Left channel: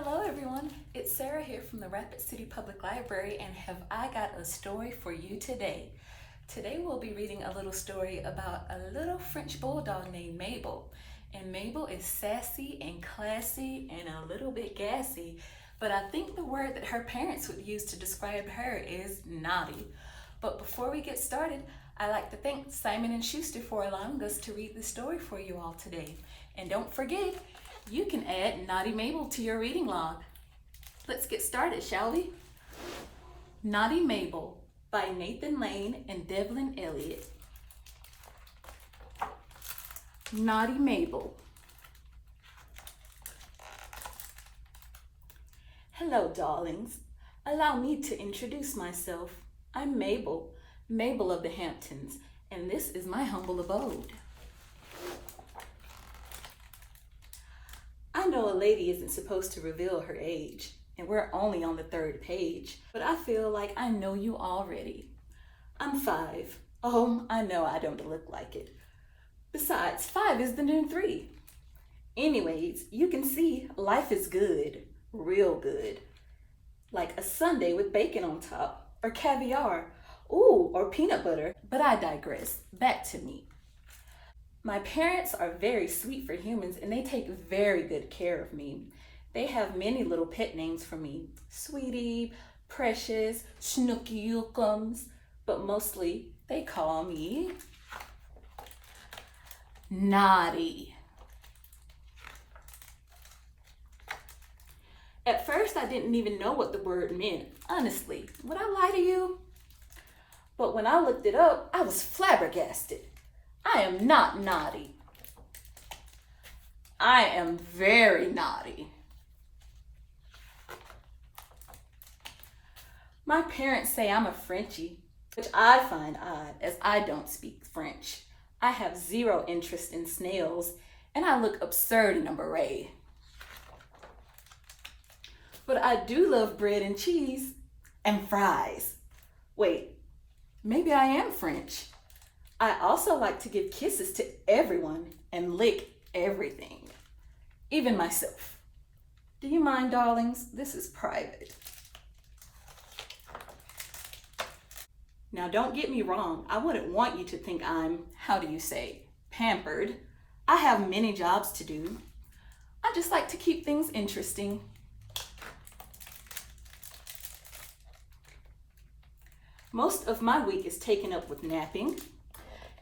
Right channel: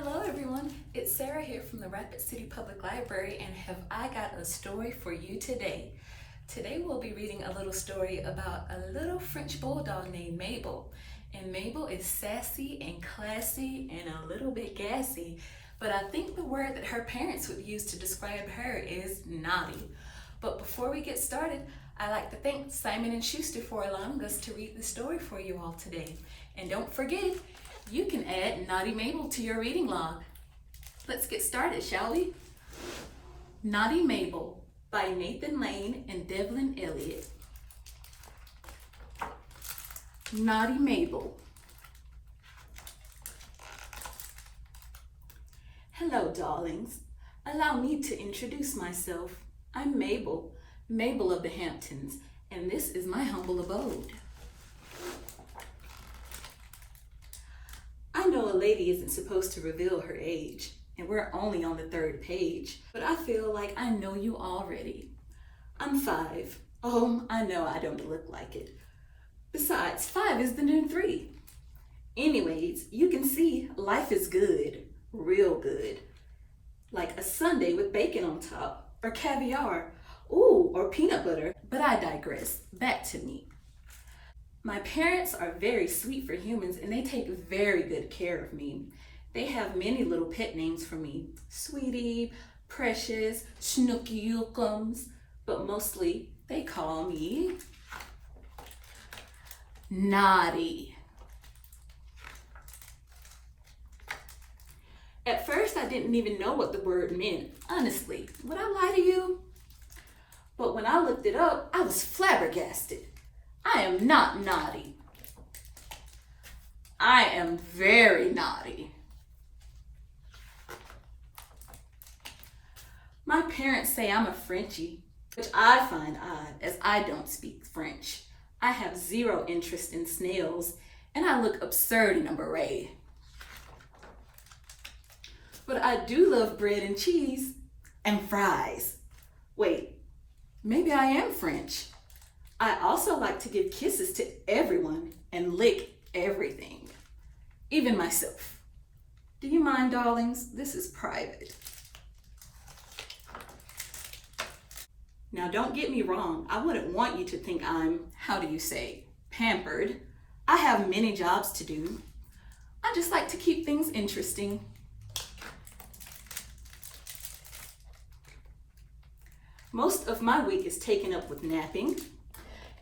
Hello everyone, it's Sarah here from the Rapid City Public Library, and have I got a story for you today. Today we'll be reading a little story about a little French bulldog named Mabel. And Mabel is sassy and classy and a little bit gassy, but I think the word that her parents would use to describe her is naughty. But before we get started, I'd like to thank Simon & Schuster for allowing us to read the story for you all today. And don't forget, you can add Naughty Mabel to your reading log. Let's get started, shall we? Naughty Mabel by Nathan Lane and Devlin Elliott. Naughty Mabel. Hello, darlings. Allow me to introduce myself. I'm Mabel, Mabel of the Hamptons, and this is my humble abode. I know a lady isn't supposed to reveal her age, and we're only on the 3rd page, but I feel like I know you already. I'm 5. Oh, I know I don't look like it. Besides, 5 is the new 3. Anyways, you can see life is good, real good. Like a sundae with bacon on top, or caviar, ooh, or peanut butter. But I digress, back to me. My parents are very sweet for humans, and they take very good care of me. They have many little pet names for me. Sweetie, Precious, Snooky Yookums, but mostly they call me Naughty. At first, I didn't even know what the word meant. Honestly, would I lie to you? But when I looked it up, I was flabbergasted. I am not naughty. I am very naughty. My parents say I'm a Frenchie, which I find odd as I don't speak French. I have zero interest in snails, and I look absurd in a beret. But I do love bread and cheese and fries. Wait, maybe I am French. I also like to give kisses to everyone and lick everything, even myself. Do you mind, darlings? This is private. Now, don't get me wrong. I wouldn't want you to think I'm, pampered. I have many jobs to do. I just like to keep things interesting. Most of my week is taken up with napping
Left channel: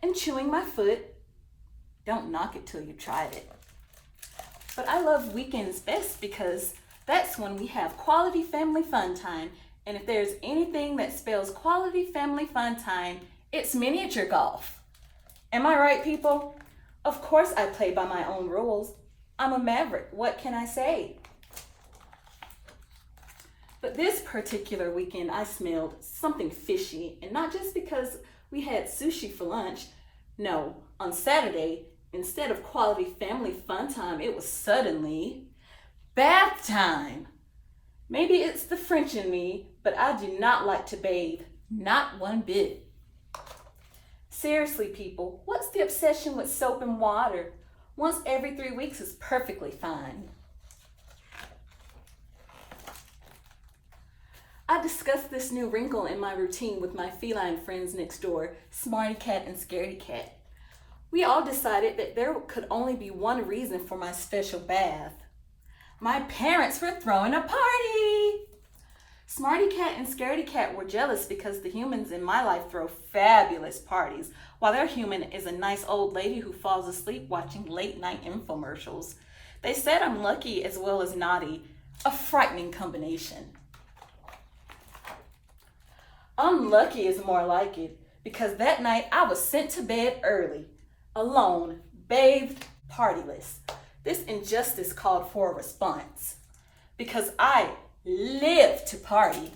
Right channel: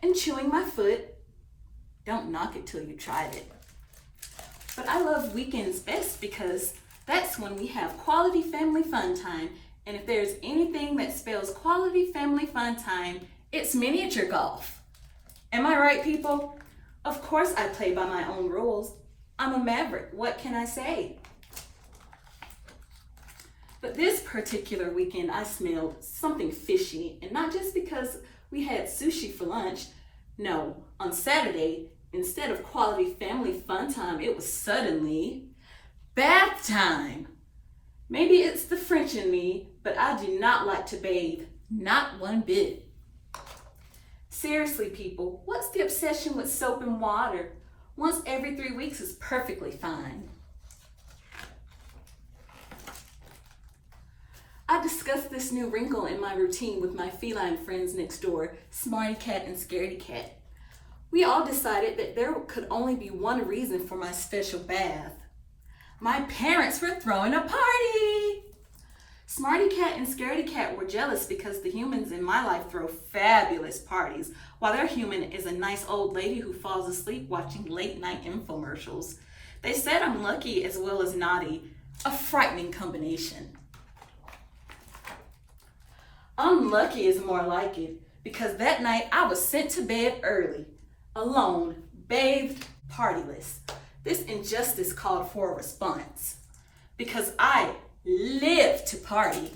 and chewing my foot. Don't knock it till you tried it. But I love weekends best because that's when we have quality family fun time. And if there's anything that spells quality family fun time, it's miniature golf. Am I right, people? Of course I play by my own rules. I'm a maverick. What can I say? But this particular weekend, I smelled something fishy, and not just because we had sushi for lunch. No, on Saturday, instead of quality family fun time, it was suddenly bath time. Maybe it's the French in me, but I do not like to bathe, not one bit. Seriously, people, what's the obsession with soap and water? Once every 3 weeks is perfectly fine. I discussed this new wrinkle in my routine with my feline friends next door, Smarty Cat and Scaredy Cat. We all decided that there could only be one reason for my special bath. My parents were throwing a party! Smarty Cat and Scaredy Cat were jealous because the humans in my life throw fabulous parties, while their human is a nice old lady who falls asleep watching late night infomercials. They said I'm lucky as well as naughty, a frightening combination. Unlucky is more like it, because that night I was sent to bed early, alone, bathed, partyless. This injustice called for a response, because I live to party.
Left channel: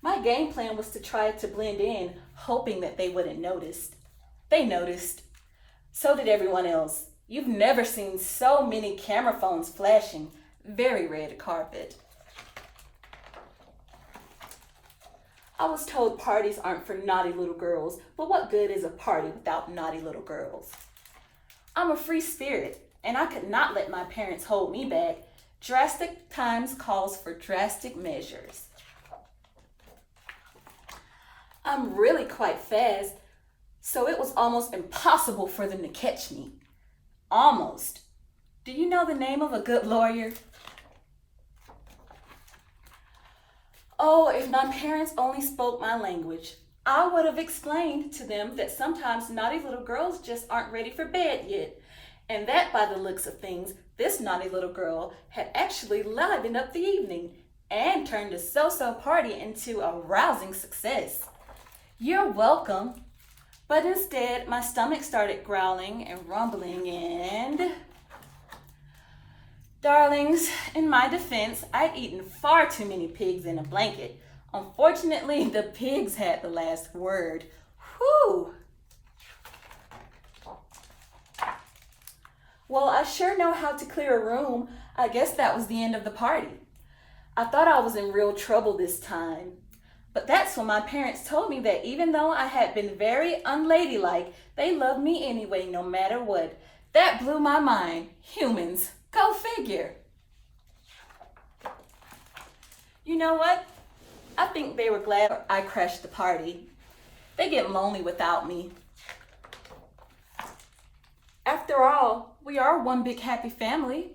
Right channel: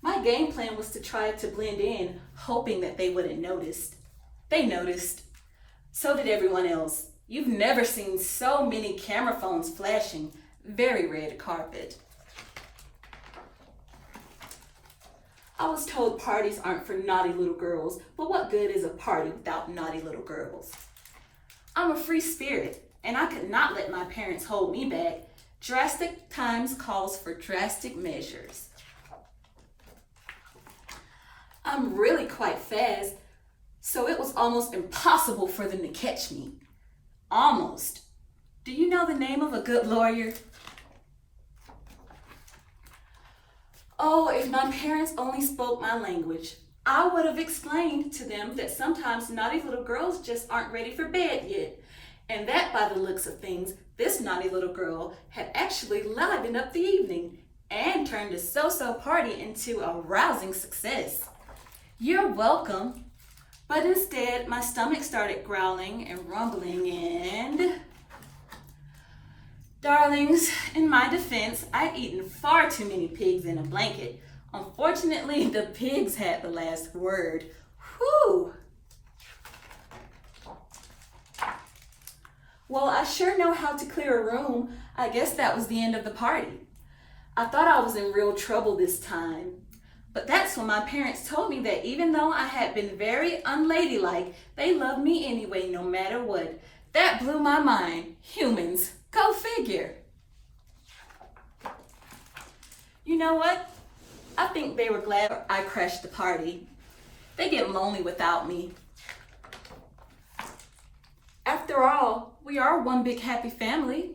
My game plan was to try to blend in, hoping that they wouldn't notice. They noticed. So did everyone else. You've never seen so many camera phones flashing. Very red carpet. I was told parties aren't for naughty little girls, but what good is a party without naughty little girls? I'm a free spirit. and I could not let my parents hold me back. Drastic times calls for drastic measures. I'm really quite fast, so it was almost impossible for them to catch me. Almost. Do you know the name of a good lawyer? Oh, if my parents only spoke my language, I would have explained to them that sometimes naughty little girls just aren't ready for bed yet. And that, by the looks of things, this naughty little girl had actually livened up the evening and turned a so-so party into a rousing success. You're welcome. But instead, my stomach started growling and rumbling and... Darlings, in my defense, I'd eaten far too many pigs in a blanket. Unfortunately, the pigs had the last word. Whew! Well, I sure know how to clear a room. I guess that was the end of the party. I thought I was in real trouble this time. But that's when my parents told me that even though I had been very unladylike, they loved me anyway, no matter what. That blew my mind. Humans. Go figure. You know what? I think they were glad I crashed the party. They get lonely without me. After all, we are one big happy family.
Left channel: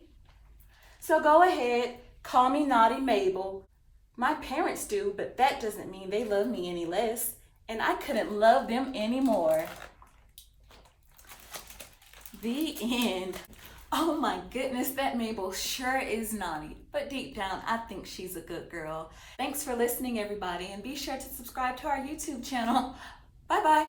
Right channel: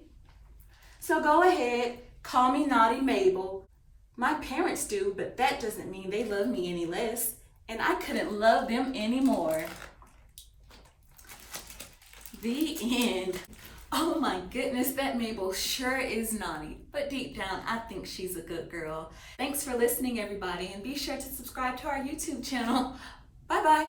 So go ahead, call me Naughty Mabel. My parents do, but that doesn't mean they love me any less, and I couldn't love them anymore. The end. Oh my goodness, that Mabel sure is naughty, but deep down, I think she's a good girl. Thanks for listening, everybody, and be sure to subscribe to our YouTube channel. Bye-bye.